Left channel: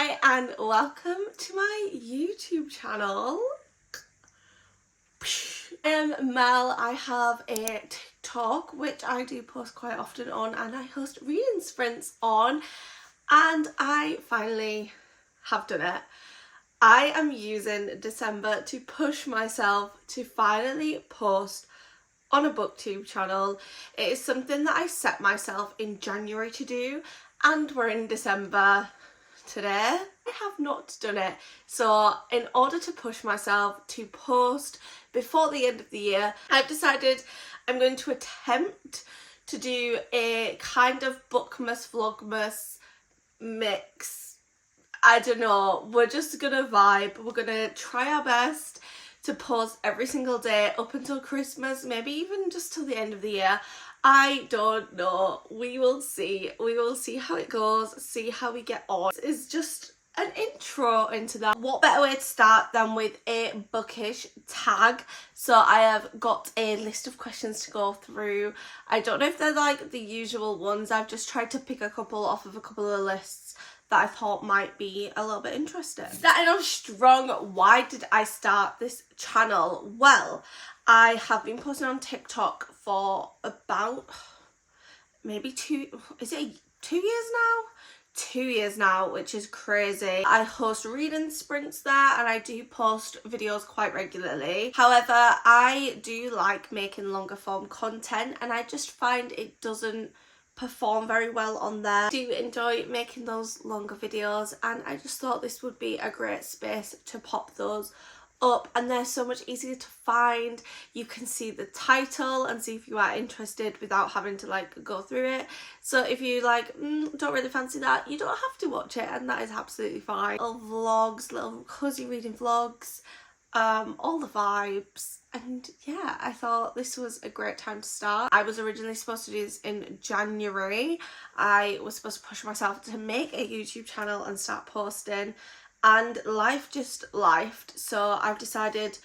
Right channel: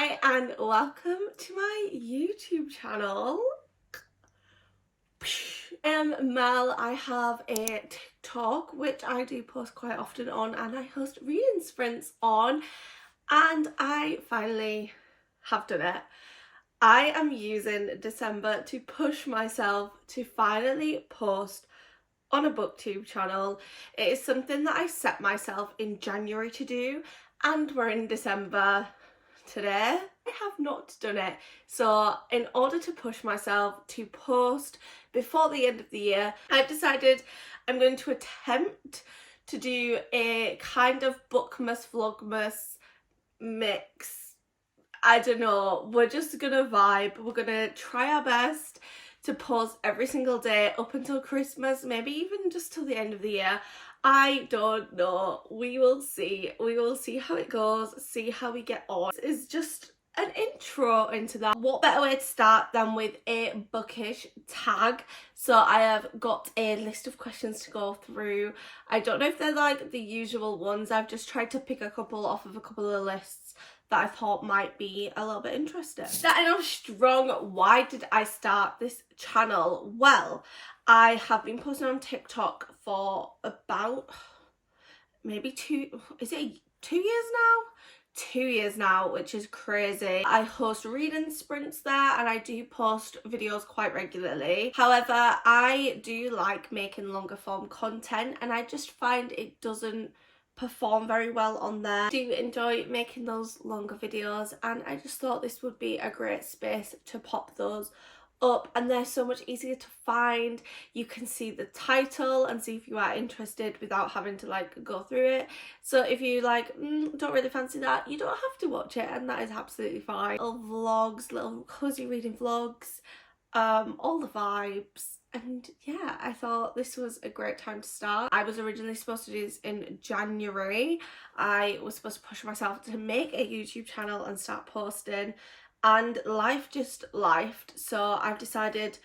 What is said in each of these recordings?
Hi and welcome to my YouTube channel. I'm Mel. I have a TikTok which I do post quite often on, and I host reading sprints on, and I finally have done it. I am using December to push myself to finally post on a Booktube channel. It is something that I set myself in January to do, and we're in December today. I have not done it. So in order to push myself to post before the end of the year, I've decided I'm going to attempt to do a kind of Bookmas Vlogmas mix. I don't know, we're just gonna vibe. We're gonna try our best to post every single day up until Christmas, maybe even just till the end of the year. I don't know. We will see. We will see how it goes, see how we get on. This is just an intro into that. What better way to start than with a bookish tag? So I have got a list of questions to go through. I don't know if they're like the usual ones. I've just tried to pick a couple off of a couple of lists that I thought might be a little bit interesting. Starting off strong, why did I start this channel? Well, I have been posting on TikTok for about maybe 2 years now? 2 years now, which is crazy. I host reading sprints there and I do post videos quite regularly. However, I do like making longer form content, and I just find it doesn't perform very well on there. I do enjoy making those longer videos, and I just thought this would be a great space to pop those up, and they're so much easier to find. You can see the title and see if you are interested without having to like go through it. So if you like don't really fancy that, you don't have to watch it, and that is absolutely fine. Little vlogs, little cozy reading vlogs, all the vibes. And yeah, I thought this was a great time to start. I was originally supposed to do this in January. I was supposed to push myself to make a YouTube channel and start posting, and life just lifed. So I've decided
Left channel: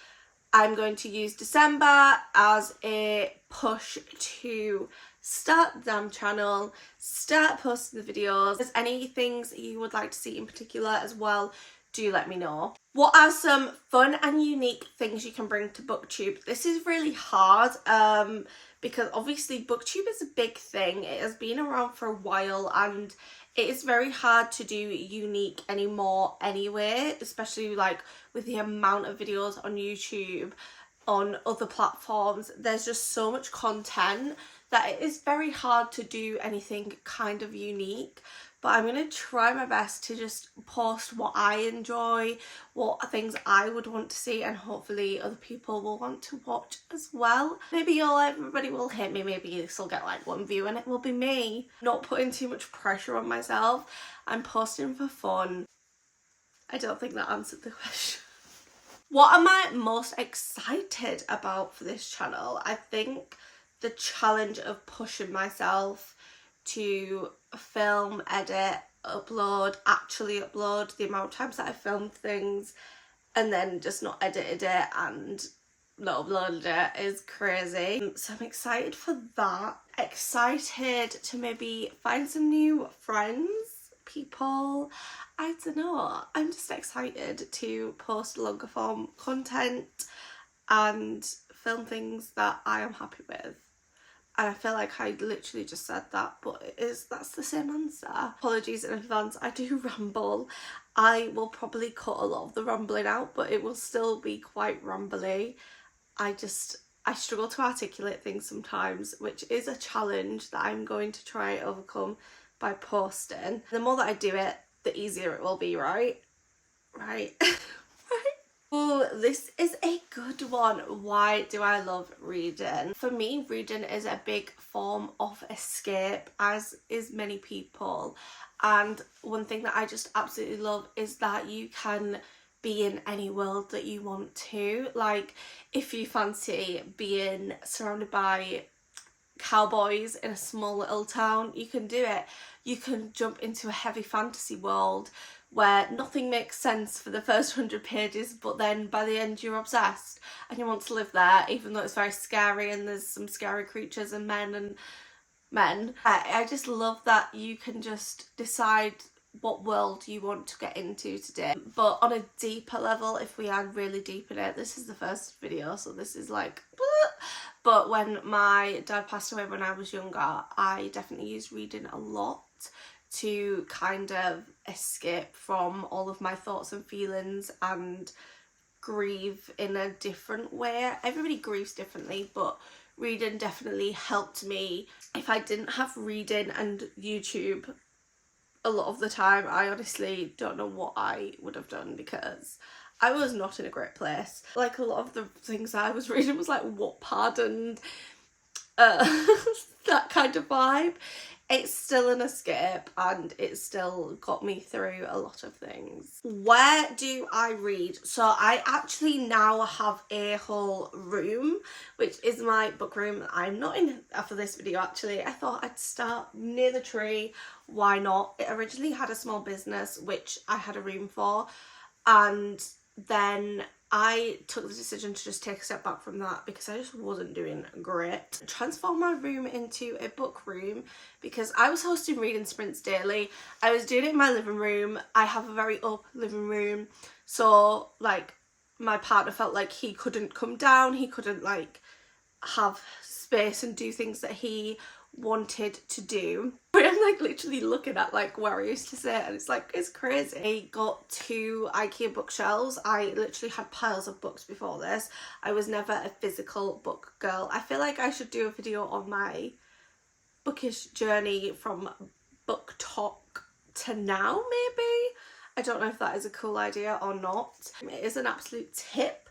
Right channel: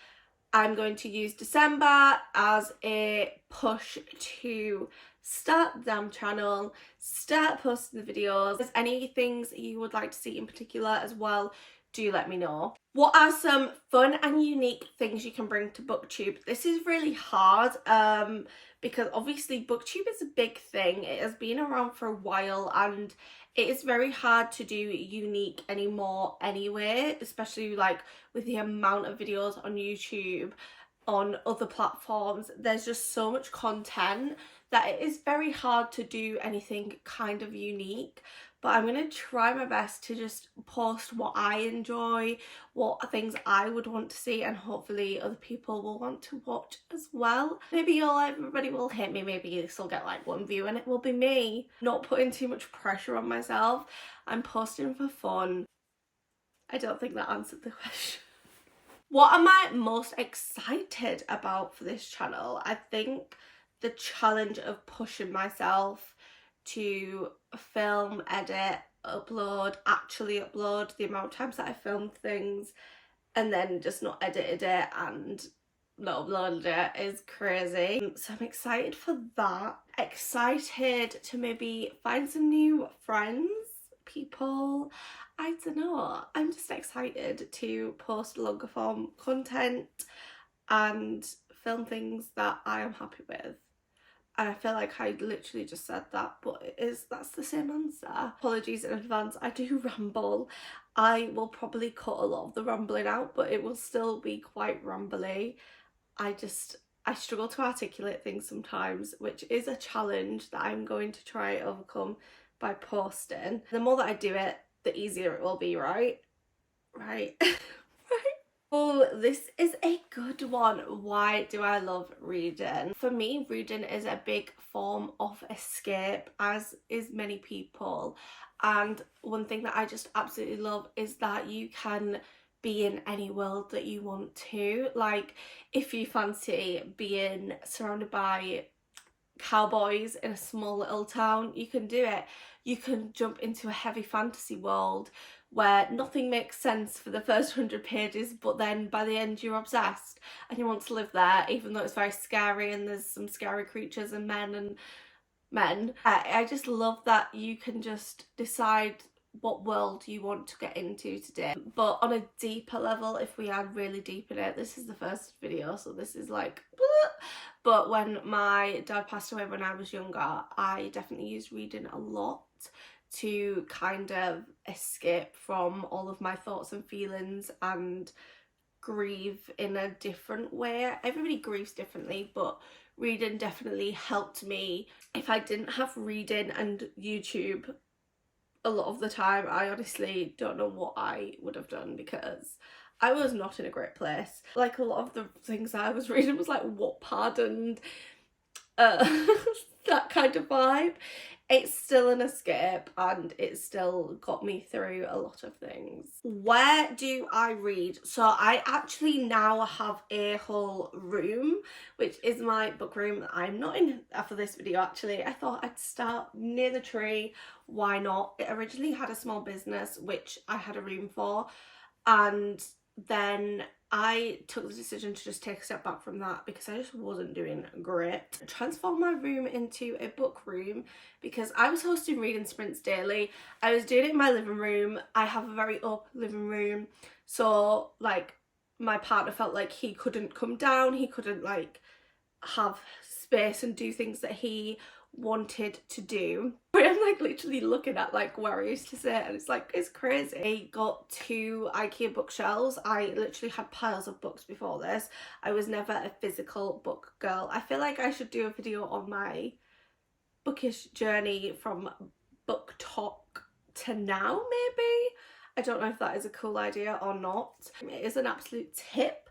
I'm going to use December as a push to start the damn channel, start posting the videos. If there's any things you would like to see in particular as well, do let me know. What are some fun and unique things you can bring to Booktube? This is really hard because obviously Booktube is a big thing. It has been around for a while, and it is very hard to do unique anymore anyway, especially like with the amount of videos on YouTube, on other platforms. There's just so much content that it is very hard to do anything kind of unique. But I'm going to try my best to just post what I enjoy, what things I would want to see, and hopefully other people will want to watch as well. Maybe everybody will hate me, maybe this will get like 1 view and it will be me. Not putting too much pressure on myself. I'm posting for fun. I don't think that answered the question. What am I most excited about for this channel? I think the challenge of pushing myself to film, edit, actually upload. The amount of times that I filmed things and then just not edited it and not uploaded it is crazy. So I'm excited for that. Excited to maybe find some new friends, people. I don't know. I'm just excited to post longer form content and film things that I am happy with. And I feel like I literally just said that, but that's the same answer. Apologies in advance, I do ramble. I will probably cut a lot of the rambling out, but it will still be quite rambly. I struggle to articulate things sometimes, which is a challenge that I'm going to try and overcome by posting. The more that I do it, the easier it will be, right? Right. Oh, this is a good one. Why do I love reading? For me, reading is a big form of escape, as is many people. And one thing that I just absolutely love is that you can be in any world that you want to. Like, if you fancy being surrounded by cowboys in a small little town, you can do it. You can jump into a heavy fantasy world where nothing makes sense for the first 100 pages, but then by the end you're obsessed and you want to live there, even though it's very scary and there's some scary creatures and men. I just love that you can just decide what world you want to get into today. But on a deeper level, if we are really deep in it, this is the first video, so this is like, but when my dad passed away when I was younger, I definitely used reading a lot to kind of escape from all of my thoughts and feelings and grieve in a different way. Everybody grieves differently, but reading definitely helped me. If I didn't have reading and YouTube a lot of the time, I honestly don't know what I would have done, because I was not in a great place. Like, a lot of the things I was reading was like Wattpad and that kind of vibe. It's still an escape and it still got me through a lot of things. Where do I read? So I actually now have a whole room, which is my book room. I'm not in for this video actually. I thought I'd start near the tree. Why not? It originally had a small business which I had a room for, and then I took the decision to just take a step back from that because I just wasn't doing great. Transform my room into a book room because I was hosting reading sprints daily. I was doing it in my living room. I have a very open living room, so like my partner felt like he couldn't come down, he couldn't like have space and do things that he wanted to do. But I'm like literally looking at like where I used to sit, and it's like, it's crazy. I got 2 IKEA bookshelves. I literally had piles of books before this. I was never a physical book girl. I feel like I should do a video on my bookish journey from book talk to now, maybe. I don't know if that is a cool idea or not. It is an absolute tip.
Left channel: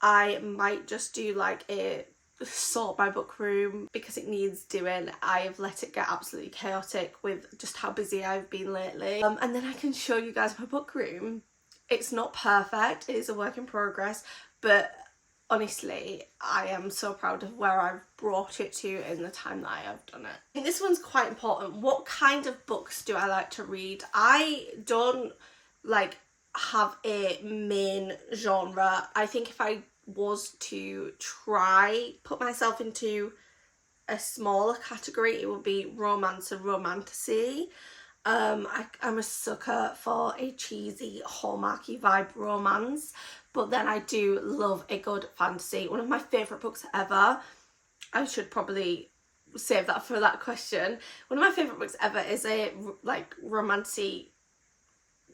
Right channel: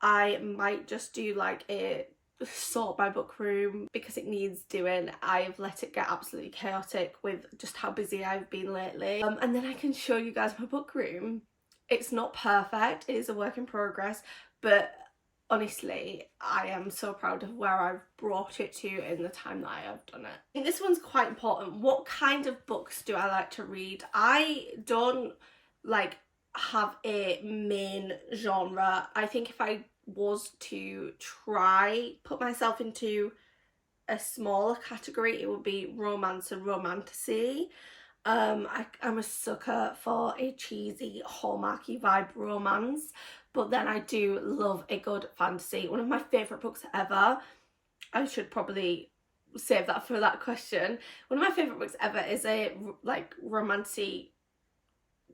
I might just do like a sort my book room because it needs doing. I've let it get absolutely chaotic with just how busy I've been lately, and then I can show you guys my book room. It's not perfect, it is a work in progress, but honestly I am so proud of where I've brought it to in the time that I have done it. And this one's quite important. What kind of books do I like to read? I don't like have a main genre. I think if I was to try put myself into a smaller category, it would be romance and romantasy. I'm a sucker for a cheesy hallmarky vibe romance, but then I do love a good fantasy. One of my favourite books ever, I should probably save that for that question. One of my favourite books ever is a like romancy,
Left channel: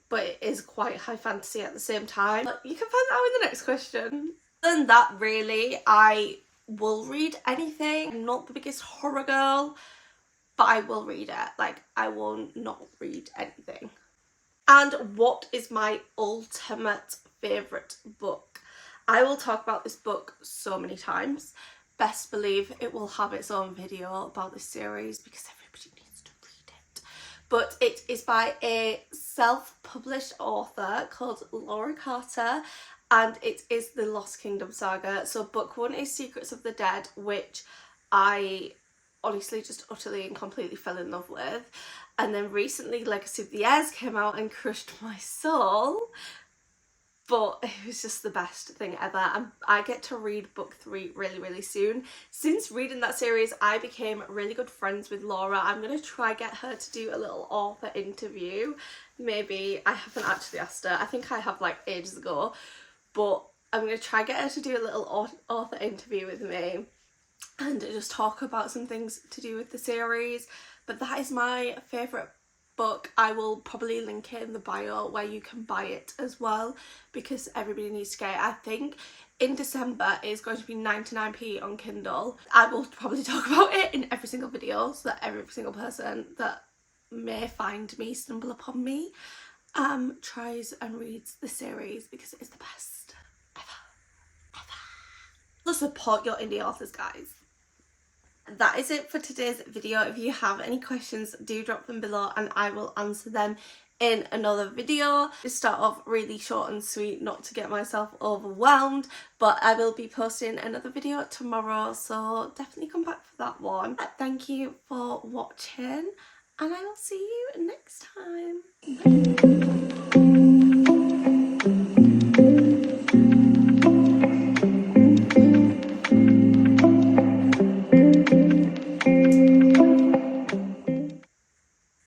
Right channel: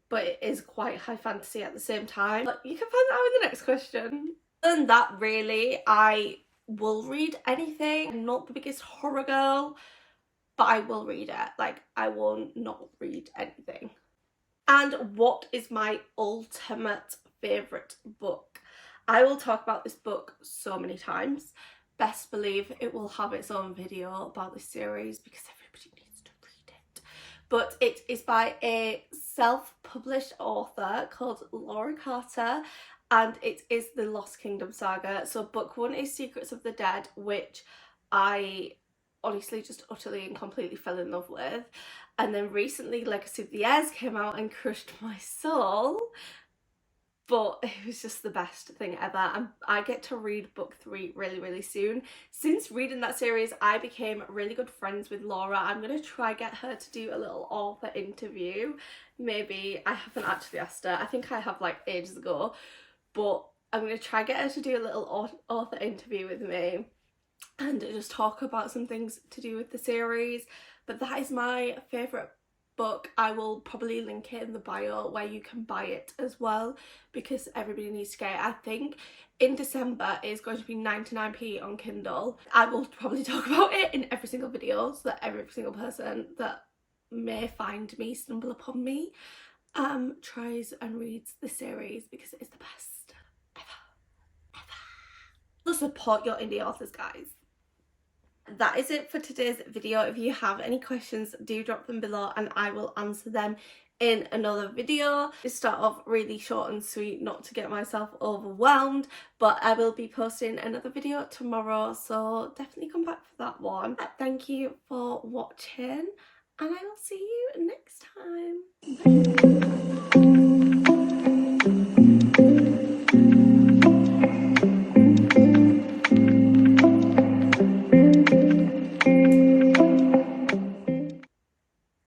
but it is quite high fantasy at the same time. You can find that out in the next question. And that really, I will read anything. I'm not the biggest horror girl, but I will read it. Like, I will not read anything. And what is my ultimate favourite book? I will talk about this book so many times. Best believe it will have its own video about this series because everybody needs to read it. But it is by a self-published author called Laura Carter, and it is the Lost Kingdom saga. So book 1 is Secrets of the Dead, which I honestly just utterly and completely fell in love with. And then recently Legacy of the Heirs came out and crushed my soul, but it was just the best thing ever. And I get to read book 3 really soon. Since reading that series, I became really good friends with Laura. I'm going to try get her to do a little author interview. Maybe. I haven't actually asked her. I think I have like ages ago. But I'm going to try get her to do a little author interview with me and just talk about some things to do with the series. But that is my favourite book. I will probably link it in the bio where you can buy it as well, because everybody needs to get it. I think in December it is going to be 99p on Kindle. I will probably talk about it in every single video so that every single person that may find me, stumble upon me, tries and reads the series because it is the best ever. So support your indie authors, guys. That is it for today's video. If you have any questions, do drop them below and I will answer them in another video. Just start off really short and sweet, not to get myself overwhelmed, but I will be posting another video tomorrow, so definitely come back for that one. Thank you for watching and I will see you next time. Bye.